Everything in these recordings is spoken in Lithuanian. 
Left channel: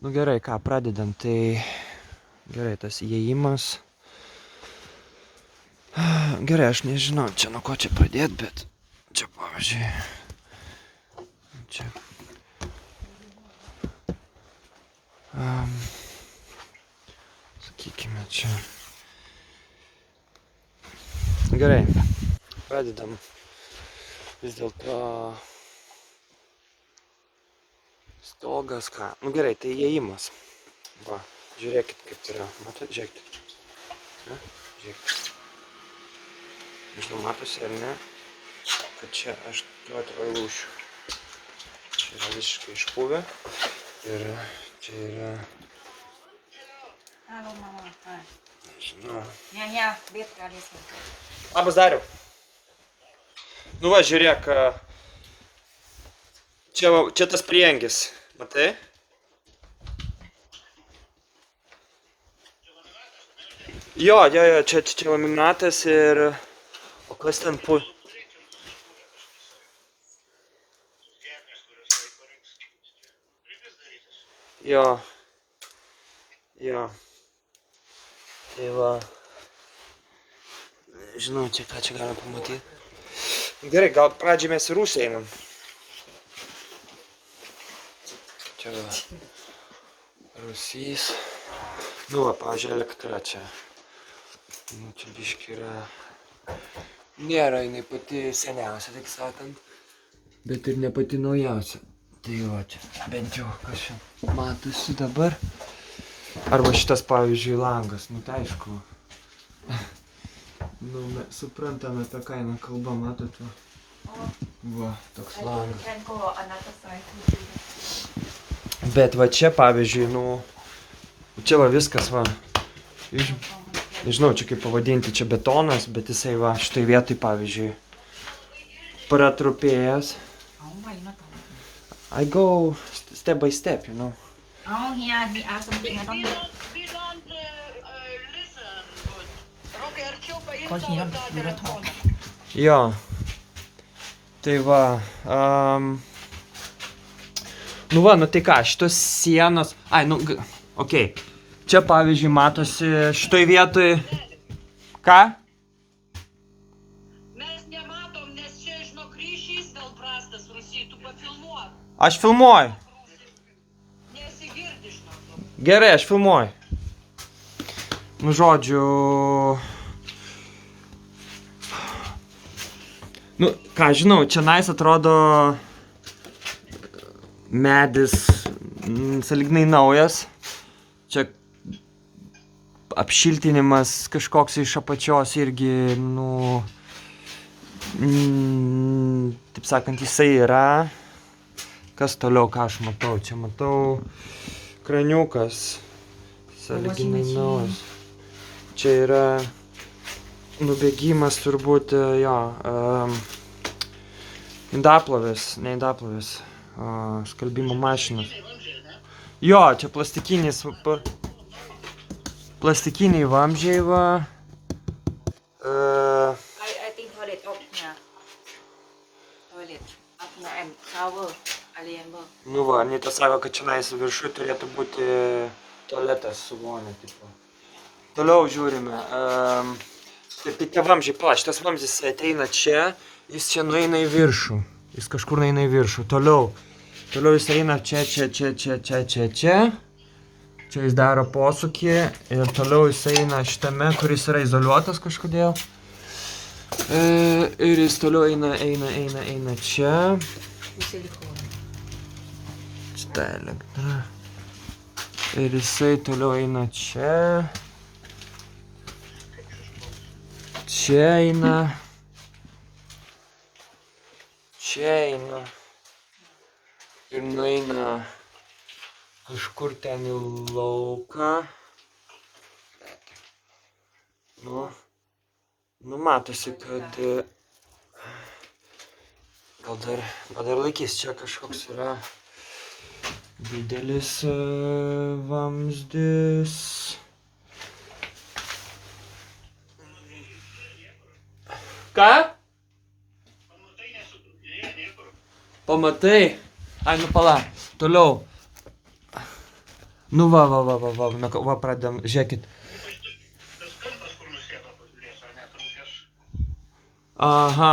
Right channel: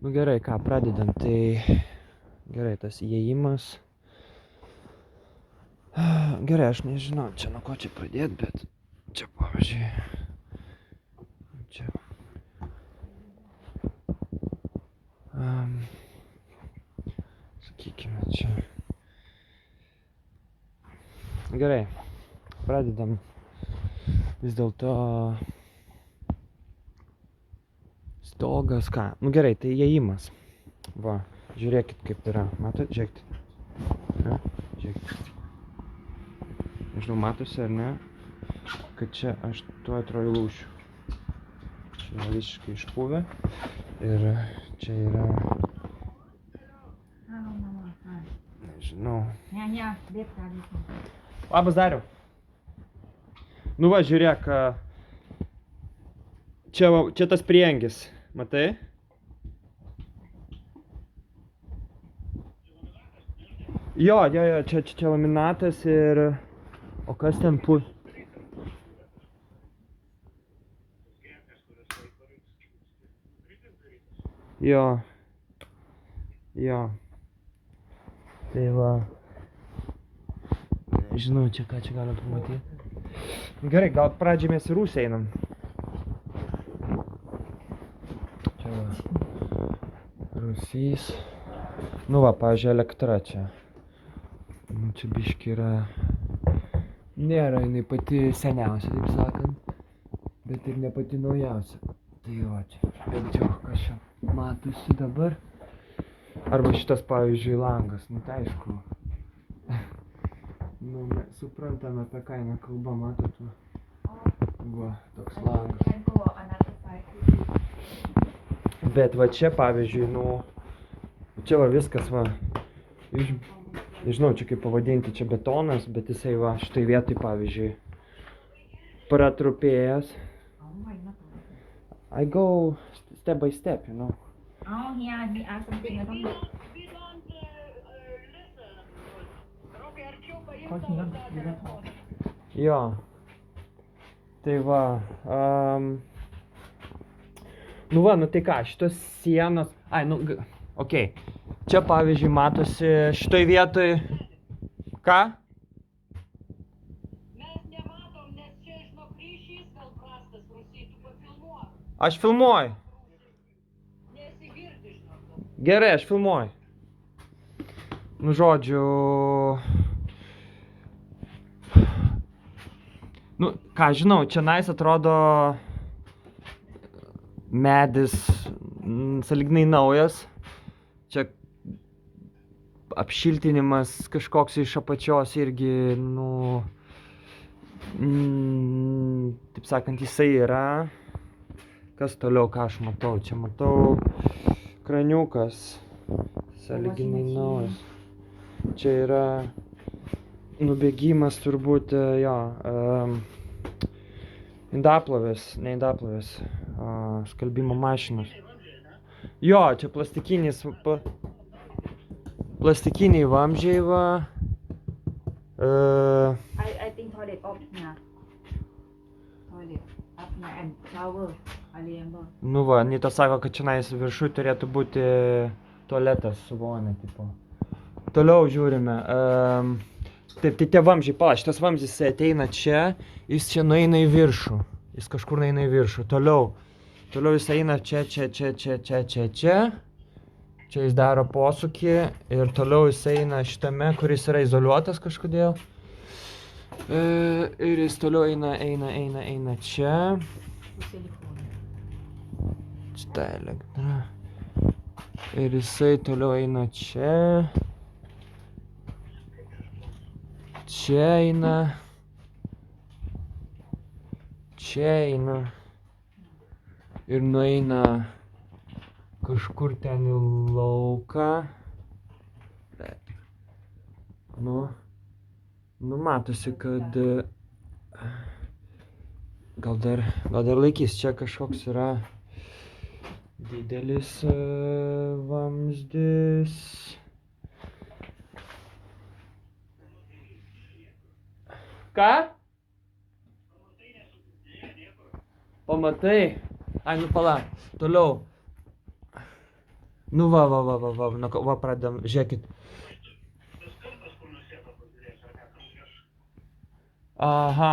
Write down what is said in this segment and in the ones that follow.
Nu gerai, ką, pradedam. Tai gerai, tas įėjimas. Gerai, aš nežinau, čia nuo ko čia pradėti, bet čia, pavyzdžiui, čia. Sakykime, čia. Gerai, pradedam. Vis dėlto stogas, ką? Nu gerai, tai įėjimas. Va, žiūrėkit kaip yra. Matot, žiūrėkit. Žiūrėkit. Nežinau, matosi ar ne, kad čia aš tuo atrodo lūšiu. Čia yra visiškai išpuvę. Ir čia yra... Nežinau. Ne, bet galėsim. Labas, Dariau. Nu va, žiūrėk. Čia tas priengis. Matai? Jo, čia laminatas ir... O kas ten Jo. Tai va. Nežinau, čia ką čia galima pamatyti. Gerai, gal pradžiai mes į rūsį einam. Čia va. Rūsys. Nu va, pavyzdžiui, elektra čia. Nu, čia biški yra... Nėra jinai pati seniausia, taip sakant. Bet ir ne pati naujausia. Tai va čia, bent jau, kas čia matosi dabar. Arba šitas, pavyzdžiui, langas. Nu, tai aišku. Nu, suprantame, apie ką eina kalba, matote. Va, toks langas. Bet va čia, pavyzdžiui, nu... Čia va viskas, va. Nežinau, čia kaip pavadinti, čia betonas, bet jisai va, štai vietoj, pavyzdžiui, pratrupėjęs. I go step by step, you know. Oh, yeah, we are something, I don't know. Jo. Tai va. Nu va, nu tai ką, šitos sienos... Ai, nu, okei. Čia, pavyzdžiui, matosi šitoj vietoj... Ką? Mes nematom, nes čia, žinok, ryšys gal prastas Rusijai, tu pafilmuok. Aš filmuoju. Nesigirdi, žinok. Gerai, aš filmuoju. Nu, žodžiu... Nu, ką žinau, čia nais atrodo medis sąlyginai naujas. Čia apšiltinimas kažkoks iš apačios irgi, nu, taip sakant, jisai yra. Kas toliau, ką aš matau? Čia matau kraniukas, sąlyginai naujas. Čia yra nubėgimas turbūt, jo, indaplovės, ne indaplovės, skalbimo mašinos. Jo, čia plastikiniai vamzdžiai, va. I think toilet up, yeah. Toilet up, no, and shower, alien, bro. Nu va, Anita sako, kad čionais viršui turėtų būti tualetas su vonia, tipo. Toliau žiūrime. Taip, tai tie vamzdžiai, pala, šitas vamzdis ateina čia, jis čia nueina į viršų. Jis kažkur nueina į viršų. Toliau jis eina čia. Čia jis daro posūkį ir toliau jis eina šitame, kuris yra izoliuotas kažkodėl. Ir jis toliau eina čia. Šitą elektrą. Ir jisai toliau eina čia. Čia eina. Ir nueina kažkur ten į lauką. Nu matosi, kad gal dar laikys. Čia kažkoks yra didelis vamzdis. Ką? Pamatai? Ai, nu pala. Toliau. Nu va, pradedam, žiūrėkit. Tas kampas, kur nusėdo pažiūrės, ar net rūkės. Aha,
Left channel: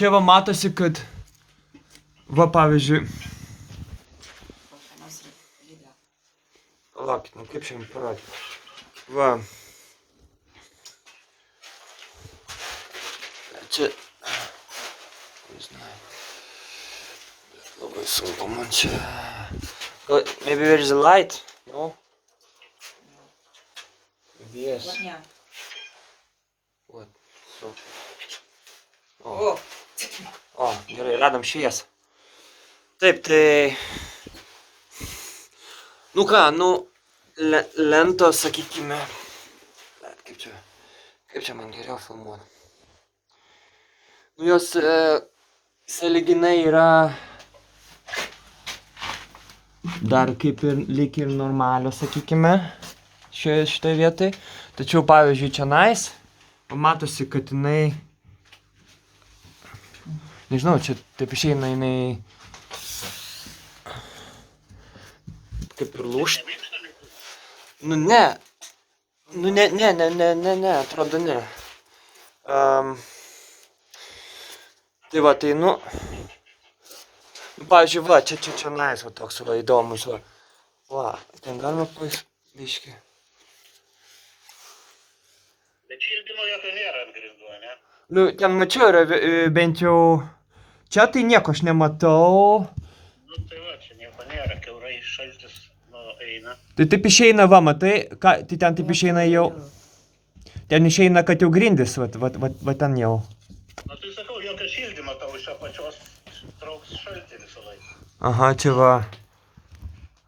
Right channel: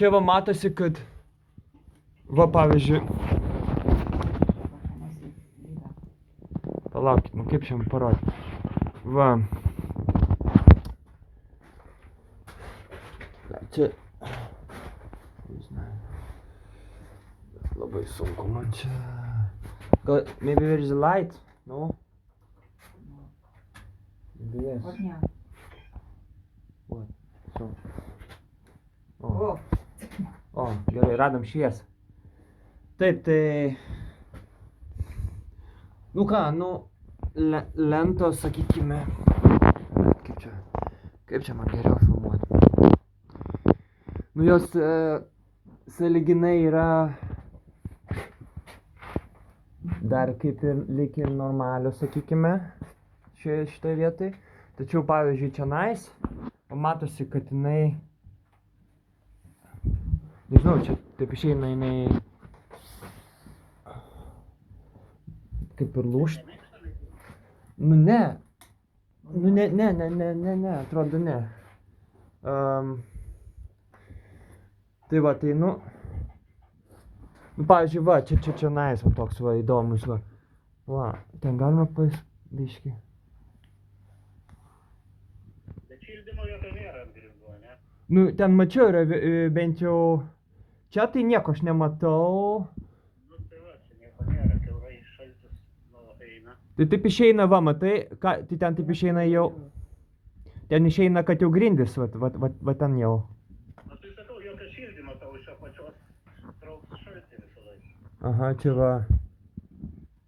čia va matosi, kad, va pavyzdžiui, Pašamas rydą. palaukit, nu kaip šiandien parodyti. Va. Čia, nežinau, bet labai sunku man čia. Maybe there is a light, no? Maybe yes. Вот не. What? So. О, O, gerai, radom šviesą. Taip, tai... Nu ką, nu, lentos, sakykime... Kaip čia man geriau filmuoti? Nu, jos sąlyginai yra... Dar kaip ir lyg ir normalios, sakykime, šitoje vietoje. Tačiau, pavyzdžiui, čionais, matosi, kad jinai... Nežinau, čia taip išeina jinai... Kaip ir lūžt. Nu ne. Nu ne, atrodo ne. Tai va, tai nu... Nu, pavyzdžiui, va, čia nais, va, toks va, įdomus, va. Va, ten galima biškį. Bet šildymo jokio nėra ant grindų, ne? Nu, ten mačiau, yra bent jau... Čia tai nieko aš nematau. Nu tai va, čia nieko nėra, kiaurai šaltis, nu, eina. Tai taip išeina, va, matai, ką, tai ten taip išeina jau... Ten išeina, kad jau grindis, va ten jau. Nu tai sakau, jokio šildymo tau iš apačios trauks šaltį visą laiką. Aha, čia va.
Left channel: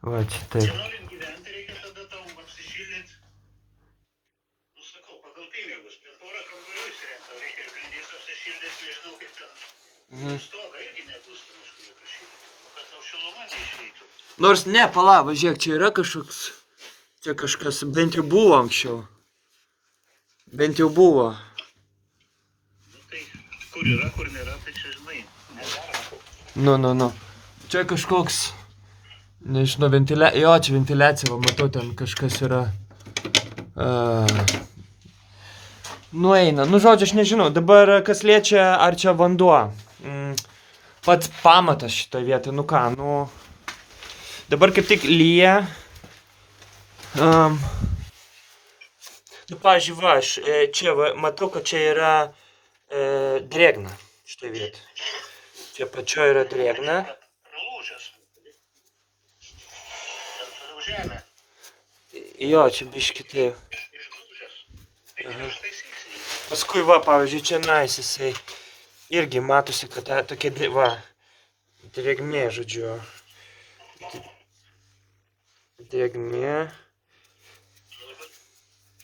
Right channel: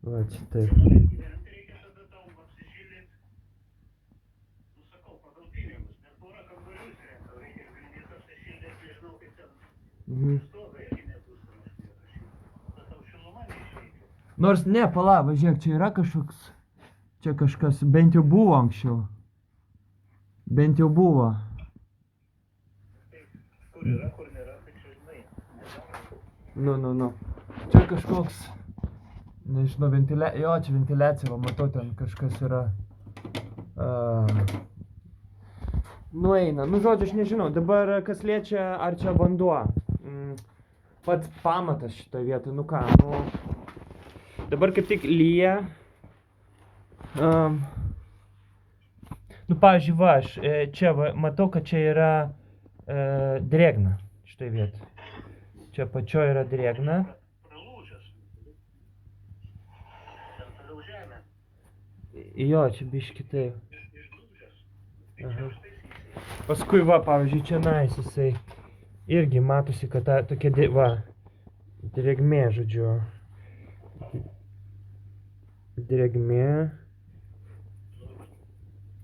Va, čia taip. Jei norint gyventi, reikia tada tau apsišildyti. Nu sakau, pagal pinigus, bet porą kambarių įsirengti, tau reikia ir grindys apsišildyti, nežinau kaip ten. Stogą irgi nebus, ten už jokio šildymo. Kad tau šiluma neišeitų. Nors ne, pala, va, žiūrėk, čia yra kažkoks... Čia kažkas, bent jau buvo anksčiau. Bent jau buvo. Nu tai, kur yra, kur nėra, tai čia žinai. Nu. Čia kažkoks, nežinau, ventiliacija, jo, čia ventiliacija, va, matau, ten kažkas yra. Nueina, nu, žodžiu, aš nežinau, dabar kas liečia, ar čia vanduo. Pats pamatas šitą vietą, nu ką, nu, dabar kaip tik lyja. Nu, pavyzdžiui, va, aš čia, va, matau, kad čia yra drėgna šitą vietą. Čia pačioje yra drėgna. Pralūžęs. Ten žemė. Jo, čia biški taip. Išlūžęs. Tai ištaisysi. Paskui va, pavyzdžiui, čia nais jisai irgi matosi, kad ta tokia, va, drėgmė, žodžiu. Drėgmė.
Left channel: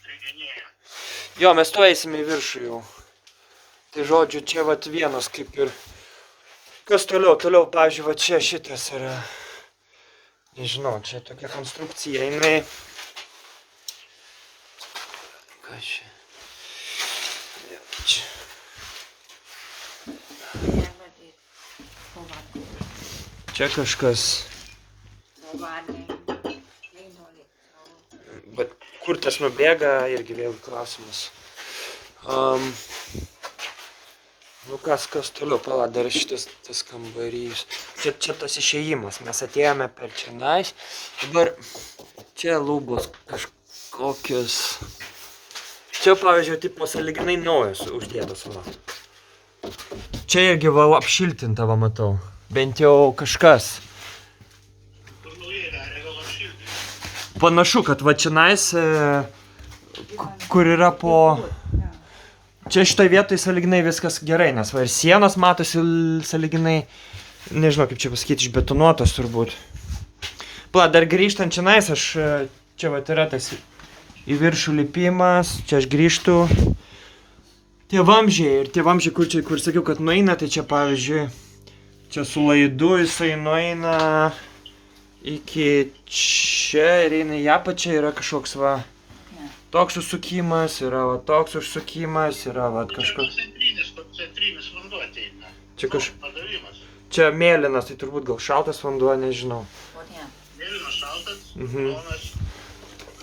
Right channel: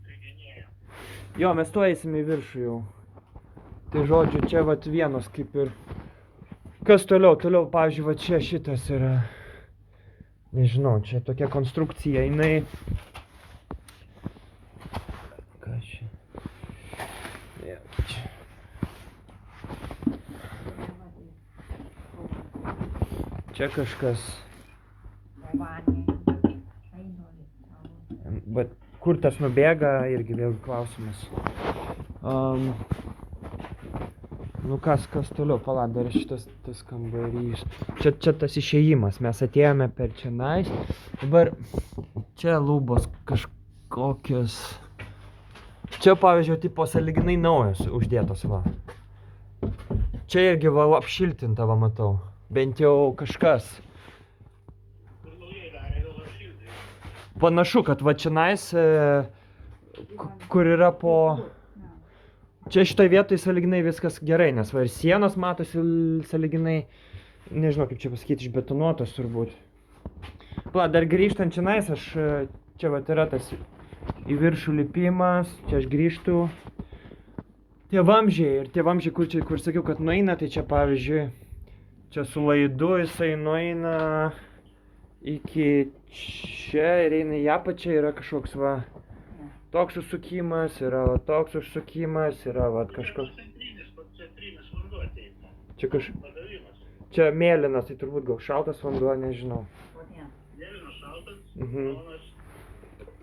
Drėginėja. Jo, mes to eisime į viršų jau. Tai žodžiu, čia vat vienas kaip ir... Kas toliau? Toliau, pavyzdžiui, va čia šitas yra... Nežinau, čia tokia konstrukcija, jinai... Ką čia? Čia. Čia kažkas... Bet kur tas nubėga, irgi vėl klausimas. Nu kas toliau, pala, dar šitas tas kambarys. Čia tas išėjimas, mes atėjome per čionais. Dabar čia lubos kažkokios. Čia, pavyzdžiui, tipo sąlyginai naujos uždėtos, va. Čia irgi va apšiltinta, va, matau. Bent jau kažkas. Kur naujai darė, gal apšildė. Panašu, kad va čionais, kur yra po... Čia šitoje vietoje sąlyginai viskas gerai, nes va ir sienos matosi sąlyginai, nežinau kaip čia pasakyti, išbetonuotos turbūt. Pala, dar grįžtant čionais, aš čia va yra tas į viršų lipimas, čia aš grįžtu. Tie vamzdžiai, ir tie vamzdžiai, kur sakiau, kad nueina, tai čia pavyzdžiui, čia su laidu jisai nueina iki čia ir eina į apačią, yra kažkoks va. Toks užsukimas, yra va toks užsukimas, yra va kažkoks... Centrinis vanduo ateina. Čia Padavimas. Čia mėlynas, tai turbūt gal šaltas vanduo, nežinau. Mėlynas šaltas, Mhm. Jonas.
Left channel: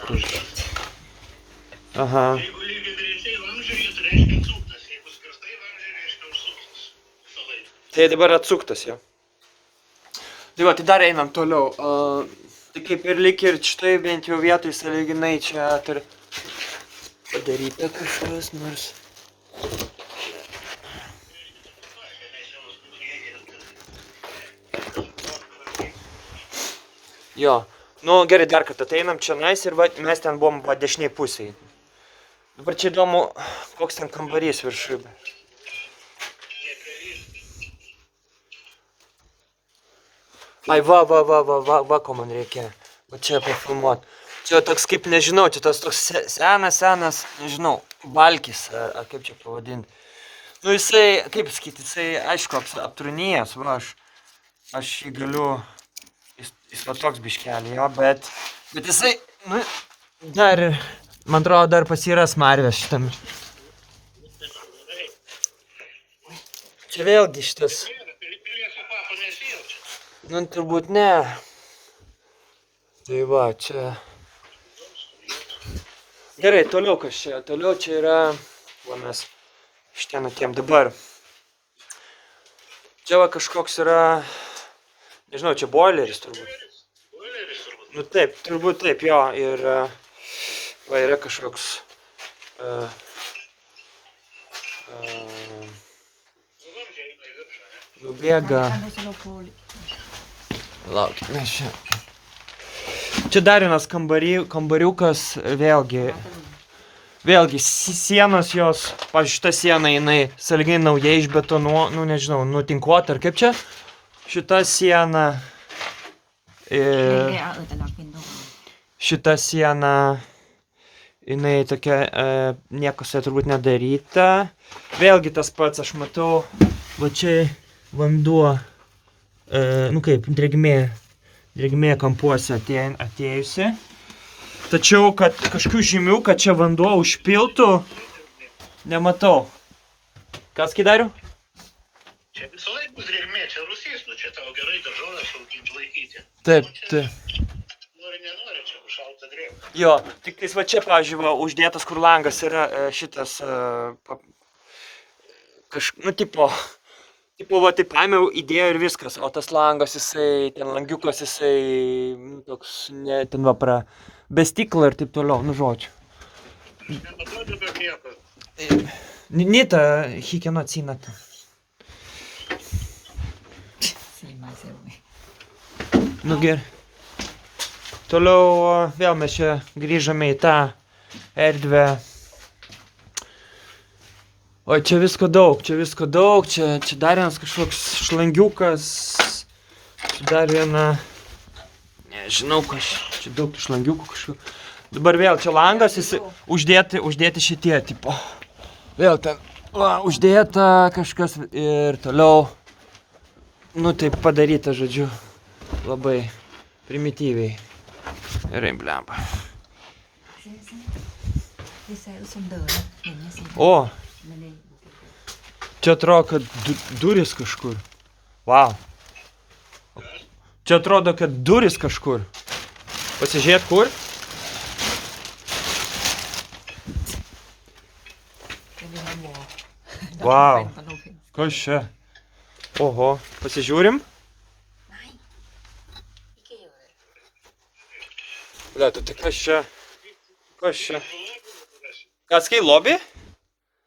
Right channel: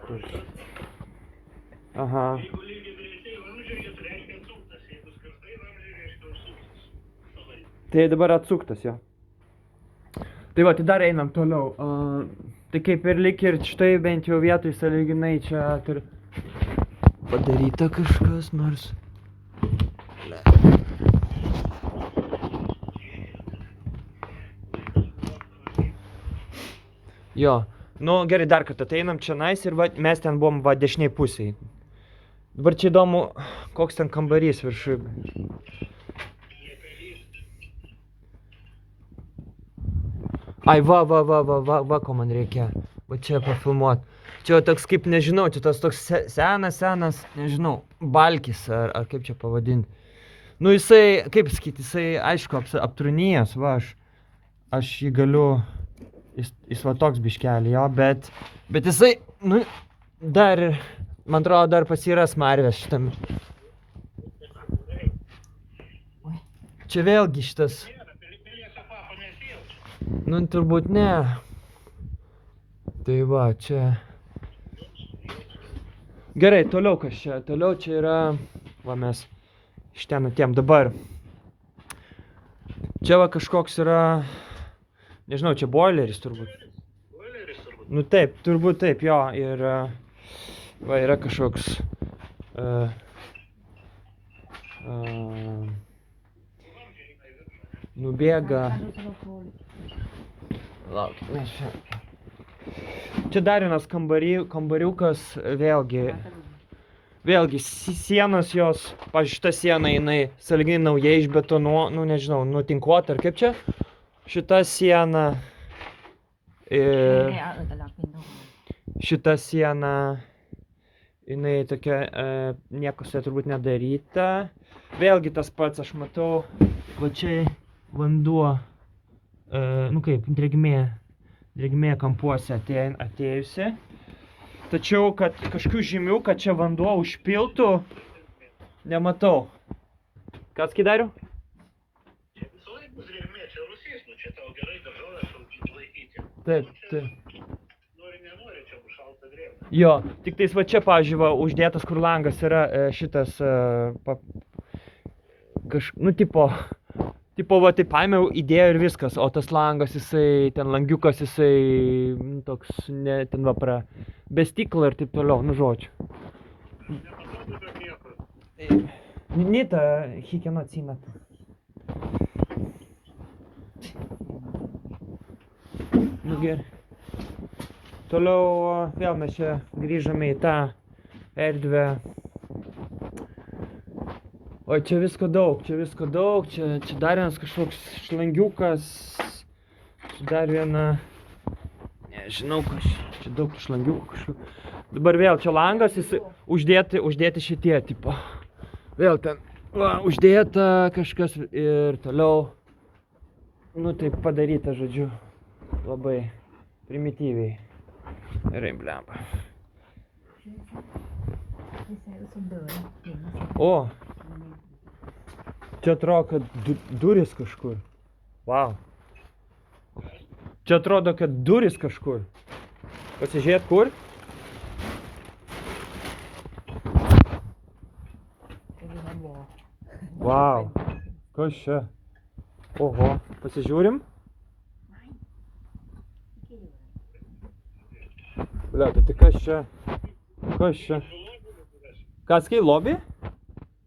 Karštas. Aha. Jeigu lygiai greičiai vamzdžiai, tai reiškia atsuktas. Jeigu skirtai vamzdžiai, reiškia užsuktas. Visą laiką. Tai dabar atsuktas jau. Tai va, tai dar einam toliau. Tai kaip ir lik ir štai bent jau vietoj sąlyginai čia padaryta kažkas nors. Jo, nu gerai, dar kartą ateinam čia nais ir va, mes ten buvom va dešiniai pusėj. Dabar čia įdomu, koks ten kambarys viršui. Ai, va, ko man reikia. Va čia pafilmuot. Čia toks kaip, nežinau, čia tas toks senas, nežinau, balkis, ar kaip čia pavadinti. Nu jisai, kaip sakyti, jisai, aišku, aptrūnijęs, va, aš jį galiu, jis va toks biškelį, jo, bet jisai, nu, dar, man atrodo, dar pasiras smarvės šitam. Čia vėlgi šitas. Nu, turbūt ne. Tai va, čia. Gerai, toliau kas čia? Toliau čia yra, va mes iš ten atėjom dabar. Čia va kažkoks yra, nežinau, čia boileris turbūt. Boileris turbūt. Nu taip, turbūt taip, jo, ir va yra kažkoks nubėga. Lauk, mes čia. Čia dar vienas kambariukas, vėlgi sienos jos, pavyzdžiui, šita siena jinai sąlyginai naujai išbetonuota, nu nežinau, nutinkuota ar kaip čia. Šita siena ir šita siena jinai tokia nieko su ja turbūt nedaryta. Vėlgi tas pats, aš matau, va čia vanduo, nu kaip, drėgmė kampuose atėjusi. Tačiau, kad kažkokių žymių, kad čia vanduo užpiltų, nematau. Kas Kidariu? Čia visą laiką bus drėgmė, čia rusys, nu čia tau gerai daržovės laikyti. Taip, taip. Nenori, čia bus šalta drėgmė. Jo, tik tais va čia, pavyzdžiui, va, uždėtas, kur langas yra šitas, nu, tipo, va, taip paėmiau, įdėjau ir viskas, o tas langas, jisai, ten langiukas, jisai, nu, toks, ne, ten va, be stiklo ir taip toliau, nu, žodžiu. Nepaduodu be nieko. Nita, hikeno cinata. Nu, gerai. Toliau vėl mes čia grįžame į tą erdvę. O čia visko daug, čia dar vienas kažkoks šlangiukas, čia dar viena, nežinau kas, čia daug šlangiukų kažkokių. Dabar vėl čia langas, jis uždėti šitie, tipo, vėl ten, va, uždėta kažkas ir toliau, nu taip padaryta, žodžiu, labai primityviai. Gerai, blemba. O! Čia atrodo, kad duris kažkur. Vau. Čia atrodo, kad duris kažkur. Pasižiūrėt kur? Vau. Kas čia? Oho. Pasižiūrim? Lieta, tai kas čia? Kas čia? Kas kai lobby?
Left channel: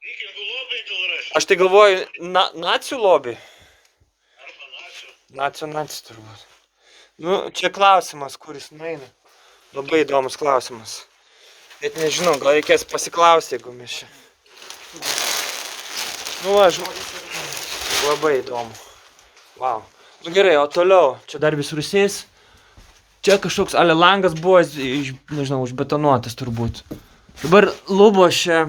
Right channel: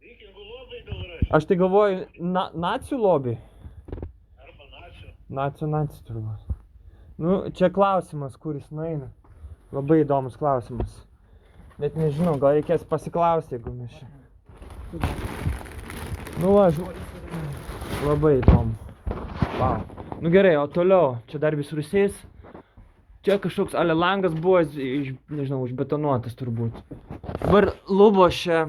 Vikingų lobiai gal rašė. Aš tai galvoju, nacių lobby. Arba nacių. Nacių turbūt. Nu, čia klausimas, kuris nueina. Labai įdomus klausimas. Net nežinau, gal reikės pasiklausti, jeigu mes čia. Nu, aš... Labai įdomu. Wow. Nu gerai, o toliau. Čia dar vis rusės. Čia kažkoks ale langas buvo, nežinau, užbetonuotas turbūt. Dabar lubos čia...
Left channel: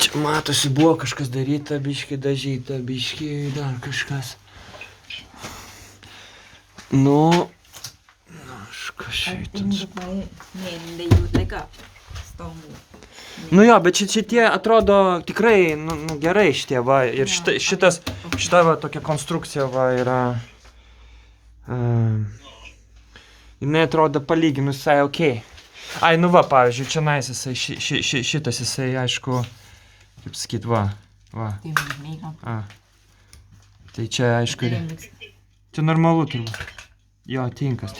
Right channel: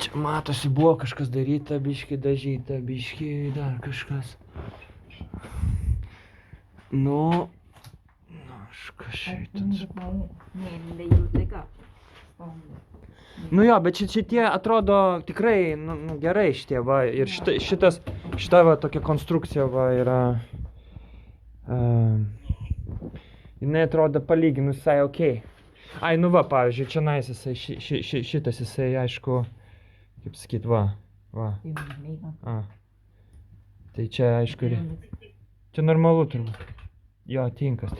Čia matosi, buvo kažkas daryta, biški dažyta, biški dar kažkas. Nu, kas šitas. Nu jo, bet šitie atrodo tikrai, nu gerai šitie, va, ir šita va tokia konstrukcija va yra. Jinai atrodo palyginus visai ok. Ai, nu va, pavyzdžiui, čia nais jisai, šitas jisai, aišku, kaip sakyt, va. Tìm mi không? Tai čia, aišku, čia normalu turbūt. Jo, tinkas.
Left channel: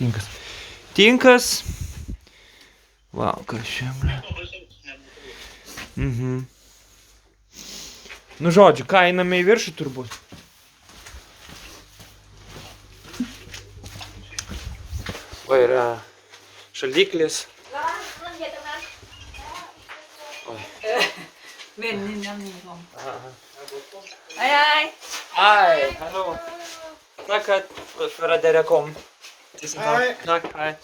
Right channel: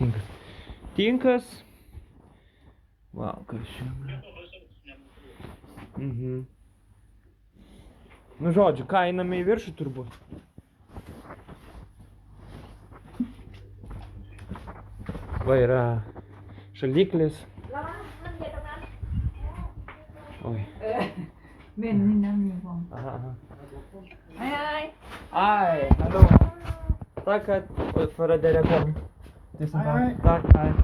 Tinkas. Va, kas čia, ble. Nu, žodžiu, ką, einame į viršų turbūt. Va, yra šaldiklis. Bên nhìn em nhìn không? Ai. Ai, hallo. Tack för att det kom. Tusen tack. Tack, hej.